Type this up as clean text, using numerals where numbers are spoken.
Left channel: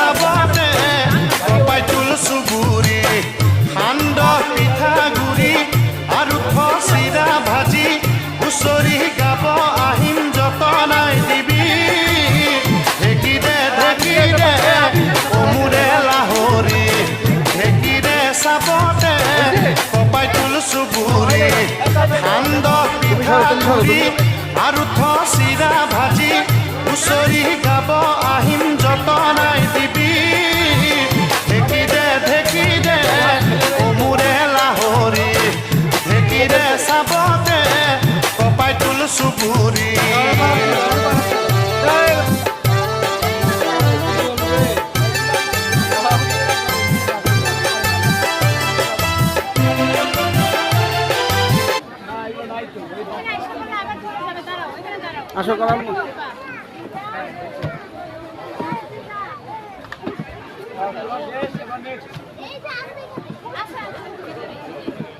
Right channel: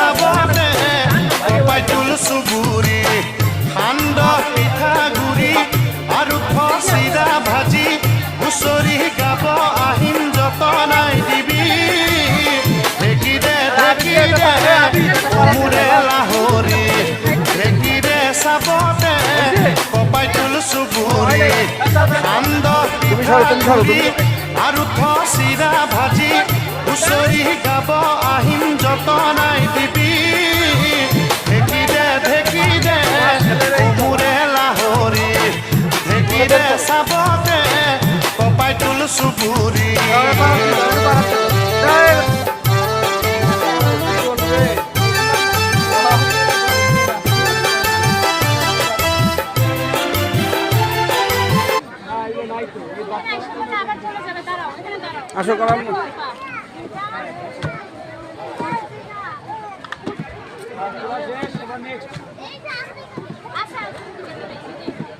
চাবতে কপাই তুল চুবুৰি সান্দহ পিঠাগুৰি আৰু চিৰা ভাজি হুঁচৰি গাব আহিম যতনাই দিবি ঢেঁকীৰে অমুৰে লাহৰি ঢেঁকীৰে চাবতে কপাই তুল চুবুৰি সান্দহ পিঠাগুৰি আৰু চিৰা ভাজি হুঁচৰি গাব আহিম যতনাই দিবি ঢেঁকীৰে অমুৰে লাহৰি ঢেঁকীৰে চাবতে কপাই তুল চুবুৰি আসো কৰাম